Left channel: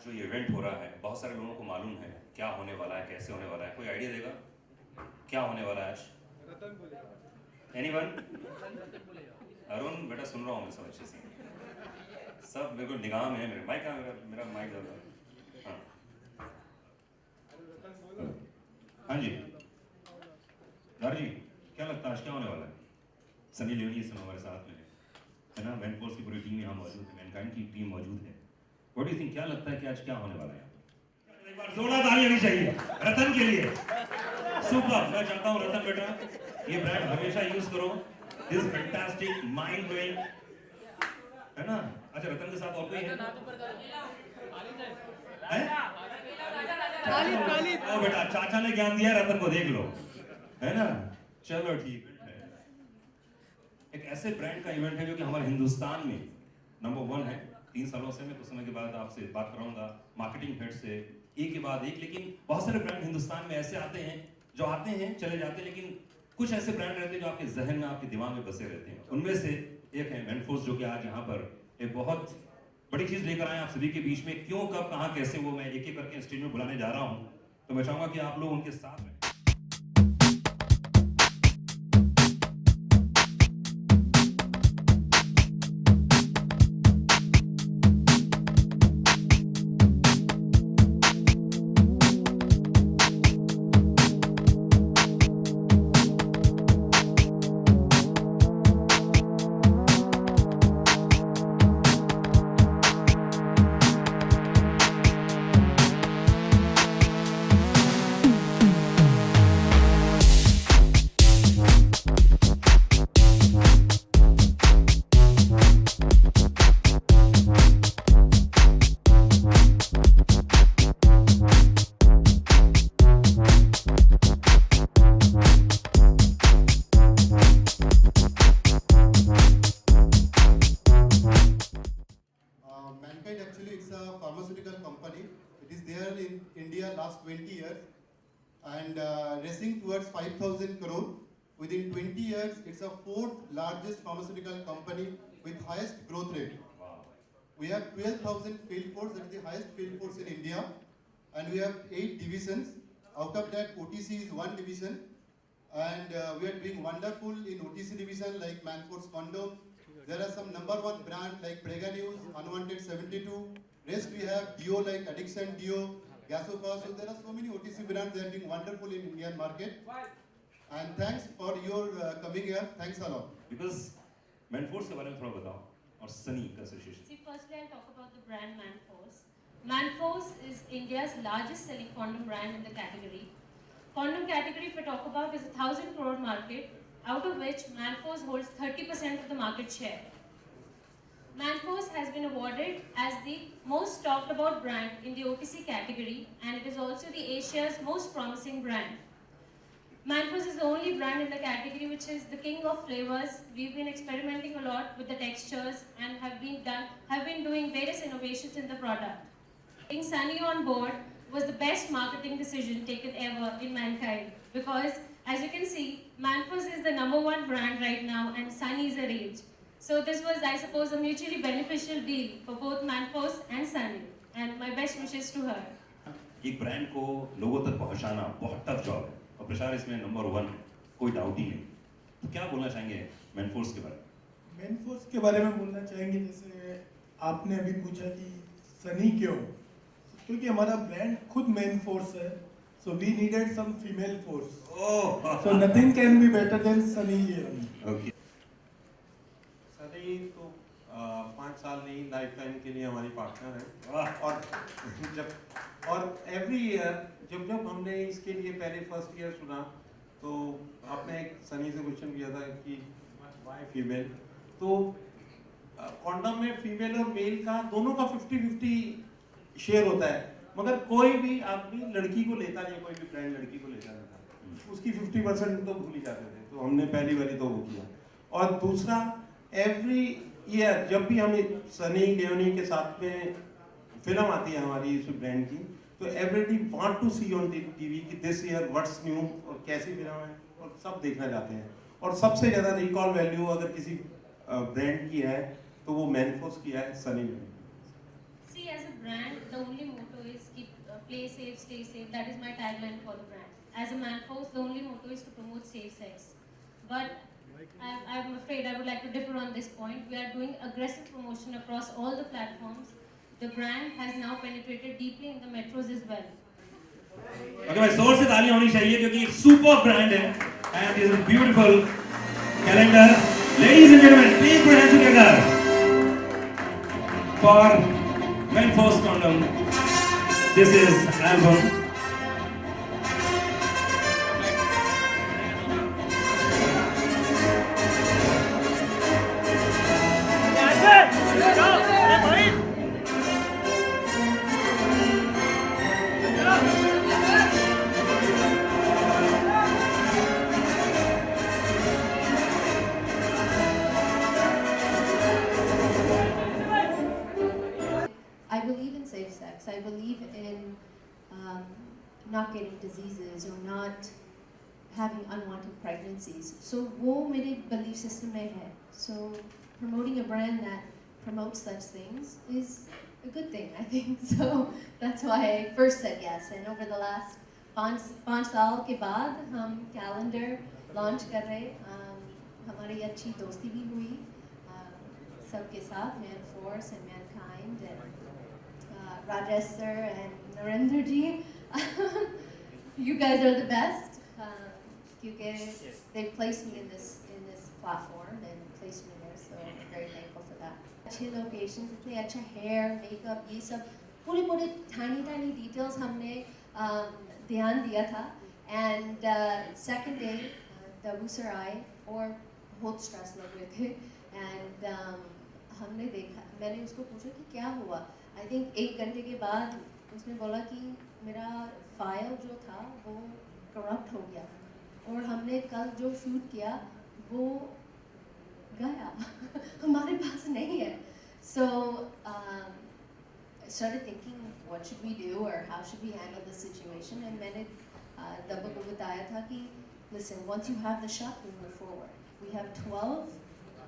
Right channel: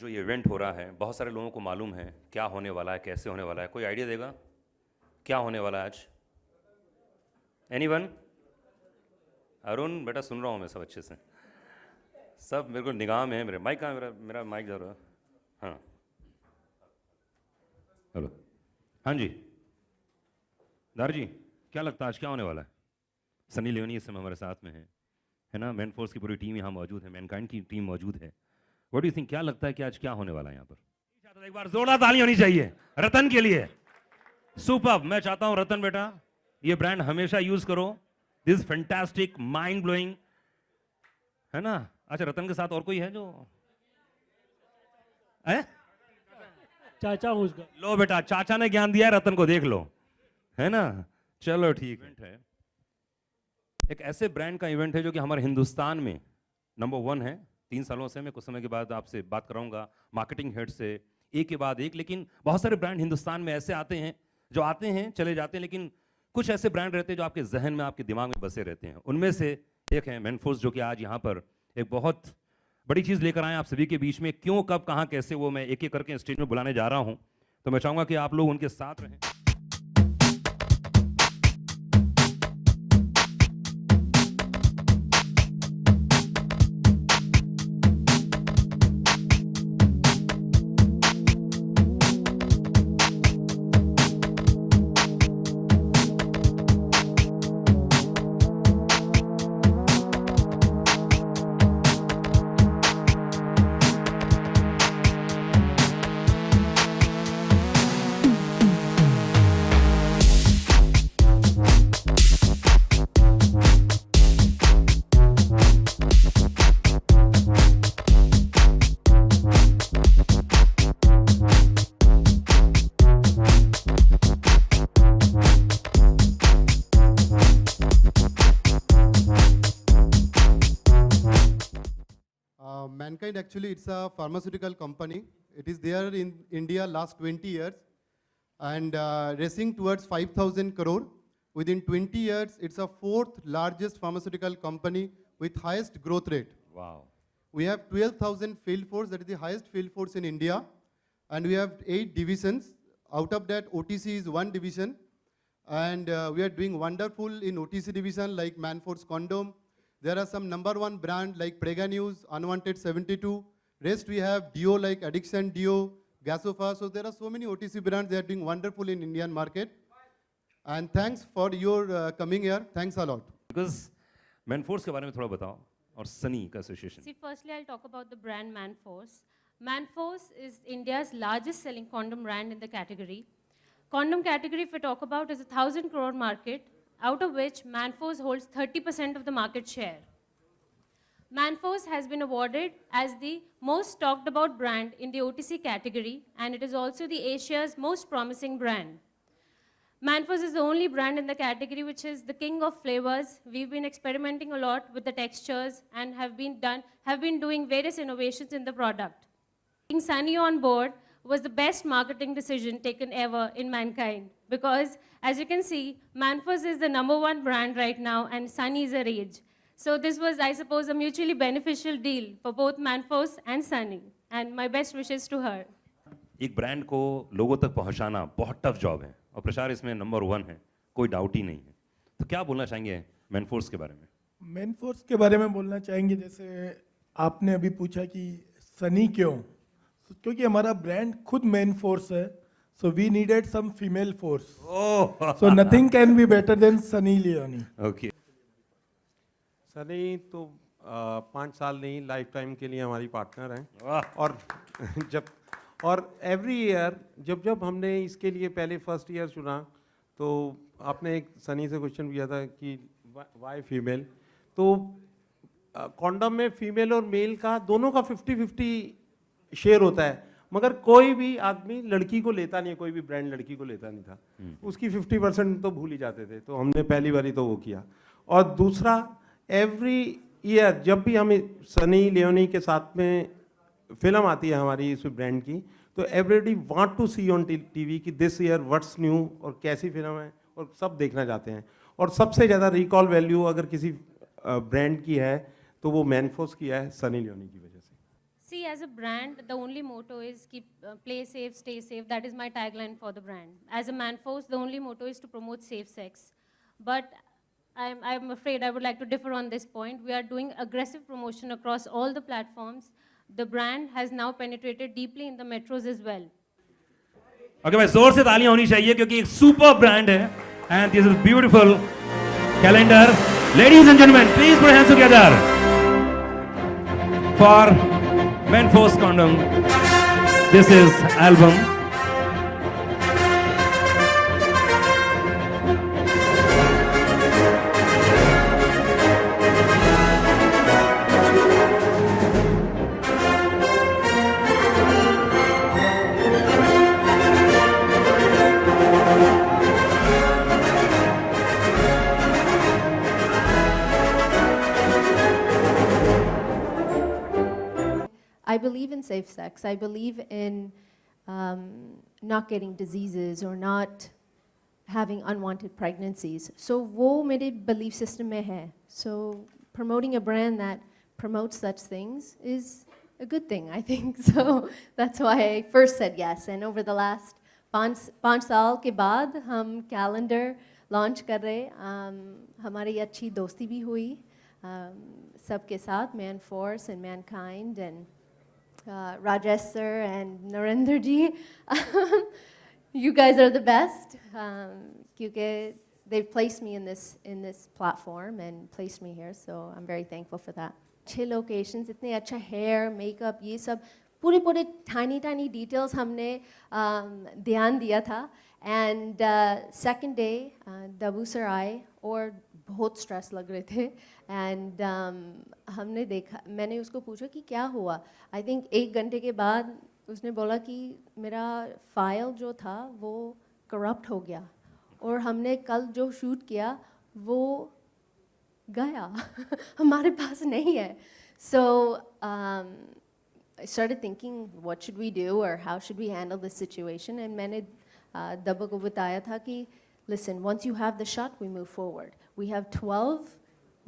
जो ये इवेंट हो रहा है, बहुत सारे लोगों को मालूम है क्या होने वाला है, कैसे होने वाला है। कोई आइडिया देगा क्या होने वाला है आज? एनीवन? अरुण बेटा सुन रहा हूँ मैं सब अच्छे से, सब मेरे को निगाह में है। मेरे माइक कहाँ? मेरा माइक ज़्यादा। हाँ हाँ जी दार जी, क्या लगता है आज क्या होने वाला है? सनी लियोनी इस समय हमारे साथ में है ना? मैन फोर्स की पूरी टीम यहाँ मौजूद है, मैनकाइंड की टीम मौजूद है। व्हाट डू यू थिंक, क्या लगता है कि आज क्या होने वाला है यहाँ पर? एक बार जोरदार ताली होनी चाहिए रतन के लिए। सुपर। मैं चाहता हूँ रतन बेटा ये ब्रांड हमेशा यूज करो, दिस फैंटास्टिक माइंड ब्लोइंग, है ना? अच्छा रतन के साथ और कोई है जो है? लो बेटा, चाचा ने ज्ञान दिया है, रतन को देख लो, है ना? चलो ठीक है। एक ऐसे ब्रांड का इवेंट है जो कि हमारे हिंदुस्तान में नंबर 1 है। 3 सालों से मैं कुछ समय के बाद आपसे बात करूंगा मार्केटिंग हेड से, एक के बाद एक। लेकिन बहुत सारे ब्रांड हिंदुस्तान में ऐसे आते हैं जो आते हैं चले जाते हैं, लेकिन कुछ ऐसे ब्रांड रहते हैं जो आपके जहन में, आपके दिमाग में बसे रहते हैं। उनमें से एक है मैनफोर्स, जो कि आज यहाँ पर एक बहुत बड़ी चीज़ लेकर आए आप सभी के बीच में। क्यों, कब, कहाँ, कैसे, वो मैं एक एक करके स्टेज में बुलाने जा रहा हूँ। तो मैं चाहूँगा कि आप लोग उनके साथ रहें। Mankind actually it's a pharmaceutical company. It is there in India last 20 years and racing towards 5,000 crore. Within 20 years, it's a 4th largest pharmaceutical company with highest growth rate. Wow. We have 12,000 field force, that is the highest field force in India. And we have 8 divisions. Out of that, OTC is 1 division. And we are doing wonderful in OTC division like Manforce Condom. There are some number 1 brand like Prega News, Unwanted 72. Rest we have Dio like Addiction Dio, Gasofa. So there are so many OTC brands that are doing wonderful in Indian market. And thanks for your coming here. Thanks a lot. Because Manforce के बारे में थोड़ा बताओ और सनी का association. See, firstly, I'll talk about the brand Manforce. Manforce is India's largest selling condom brand in the category. Condom category, if we talk about, is a 1,000 crore market, out of which Manforce holds 30% of the market share. Manforce has been awarded as the most talked about brand in the OTC category, and it is also the Asia's most promising brand. Manforce is the only brand in the category which is the king of flavors. We've been experimenting a lot with the textures and have been doing various innovations in the product. Getting Sunny on board was the best marketing decision taken ever in Mankind, because as you can see, Manforce is the number 1 brand right now and Sunny is a rage. So this was, I suppose, a mutually beneficial deal for both Manforce and Sunny, and my best wishes to her. एक brand को लोगों तक पहुंचाना बहुत tough job है और प्रचार इसमें नंबर 1 है, कोई डाउट ही नहीं। तो क्या बोलना चाहेंगे मैनफोर्स के बारे में? मैनफोर्स के बारे में बोलना चाहेंगे, जैसे आपने अभी पूछा कि सनी क्यों, क्योंकि हमारा ब्रांड खुद मैनफोर्स है, so we needed some female force, so nothing can be better than Sunny Leone. Okay. Sunny तो 5 साल नहीं, लाइफ टाइम के लिए हमारी पार्टनर हैं। और एवरी ईयर जब हमने इसके लिए पहले फर्स्ट ईयर सुना तो आपने एक सनी से क्वेश्चन किया था कि वाई फीमेल, तो कॉन्डम में फीमेल और मेल का दोनों का 50-50 शेयर होता है, मगर कोई भी आदमी लड़की को लेता नहीं, कोई भी ब्रांड लड़की को लेता नहीं था, उसकी 50% तो भूल ही जाते थे। तो हमने पहली बारी तो वो किया। और दूसरा, एवरी ईयर जब भी हमें सनी लियोनी के साथ में फिल्म आती है हमारी इस ब्रांड की, तो everybody want to see on TV कि दिस ईयर व्हाट्स न्यू और कैसी फिल्म है, और सब देखना चाहते हैं। और सबसे ज़्यादा रिकॉल वैल्यू अगर किसी ब्रांड की है तो वो मैनफोर्स की है, सनी लियोनी की वजह से। See, as a brand, the only motto is keep play safe, stay safe. That is my tagline for the brand. As a Manforce, the only motto is to promote safe sex. But I'm afraid I would like to differ on this point. We are doing aggressive promotion across all the platforms. The brand has now penetrated deeply in the metros as well. Okay भाई जोर से तालियां होनी चाहिए क्योंकि एक super brand है and this is beautiful calendar ladies and gentleman please put hands together for Manforce condom this is album I believe in safe sex. I believe in not getting diseases or not having unwanted pregnancies. So वो मेरे belief system में है. So promoting a brand that promotes such things is a good thing, I think. So that's why I first said yes. And over the last 5 साल के बाद हम calendar launch कर रहे. हमारी अच्छी दोस्ती भी हुई सबके साथ, Manforce and Mankind and Rajesh sir and Narendra ji. You guys are the best because they've placed me in this platform and placed me here, so I'm very thankful for that. अच्छे locations, इतने अच्छा hair, makeup, ये सब पूरे tiny details हमने ध्यान दिया था. And second day, Dabu sir आए और बहुत stress लग रहे थे. And हमने देखा, मैंने उसको पूछा कि क्या हुआ. I think 1 घंटे के बाद उसने बोला कि मेरा फाइल जो था वो करप्ट हो गया और हमने कल जो शूट किया वो गया हमारे पास नहीं है. So I started thinking what should we do or how should we handle this situation, and मैंने दबा को बताया था कि listen, once you have the shot we move forward. We have 12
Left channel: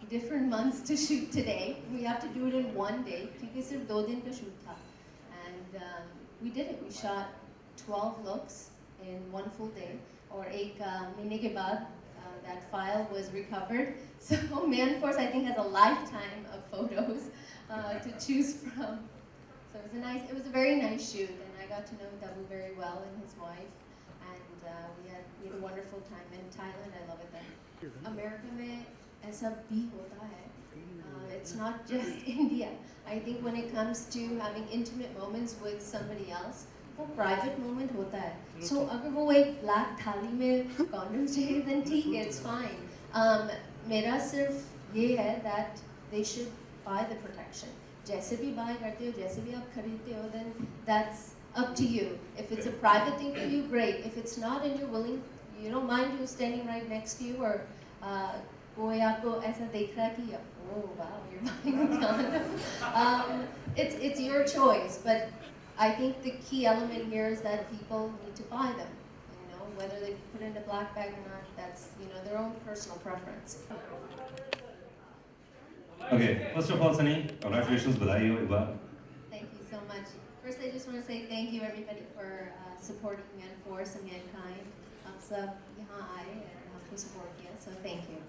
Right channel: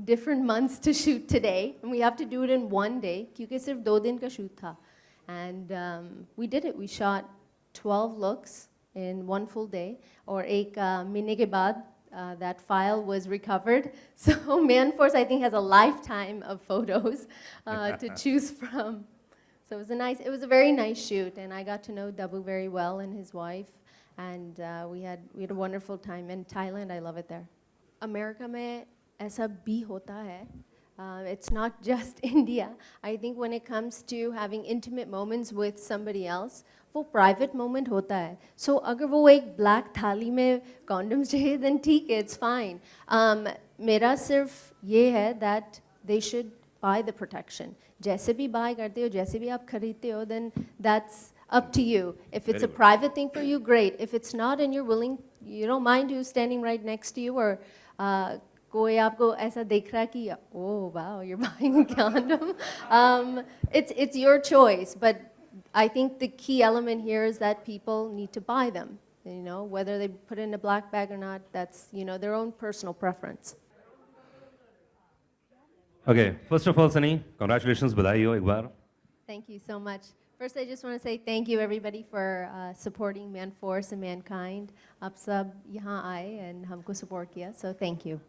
different months to shoot today, and we have to do it in one day क्योंकि सिर्फ 2 दिन का shoot था. And we did it. We shot 12 looks in 1 full day. और एक महीने के बाद that file was recovered. So Manforce I think has a lifetime of photos to choose from. So it was a very nice shoot, and I got to know Dabu very well and his wife, and we had a wonderful time in Thailand. I love it there. America में ऐसा भी होता है. It's not just India. I think when it comes to having intimate moments with somebody else, वो private moment होता है. So अगर वो एक black थाली में condoms चाहिए, then ठीक है, it's fine. मेरा सिर्फ ये है that they should buy the protection. जैसे भी buy करते हो, जैसे भी आप खरीदते हो, then that's up to you. If it's a private thing for you, great. If it's not and you're willing, you don't mind who's standing right next to you, or कोई आपको ऐसा देख रहा है कि oh wow, you're buying a condom. It's your choice, but I think the key element here is that people need to buy them. You know, whether they put it in a black bag or not, that's, you know, their own personal preference. Okay, first of all, Sunny, congratulations, बधाई हो एक बार. Thank you so much. First, I just want to say thank you everybody for supporting Manforce and Mankind. आप सब यहाँ आए and हमको support किया, so thank you.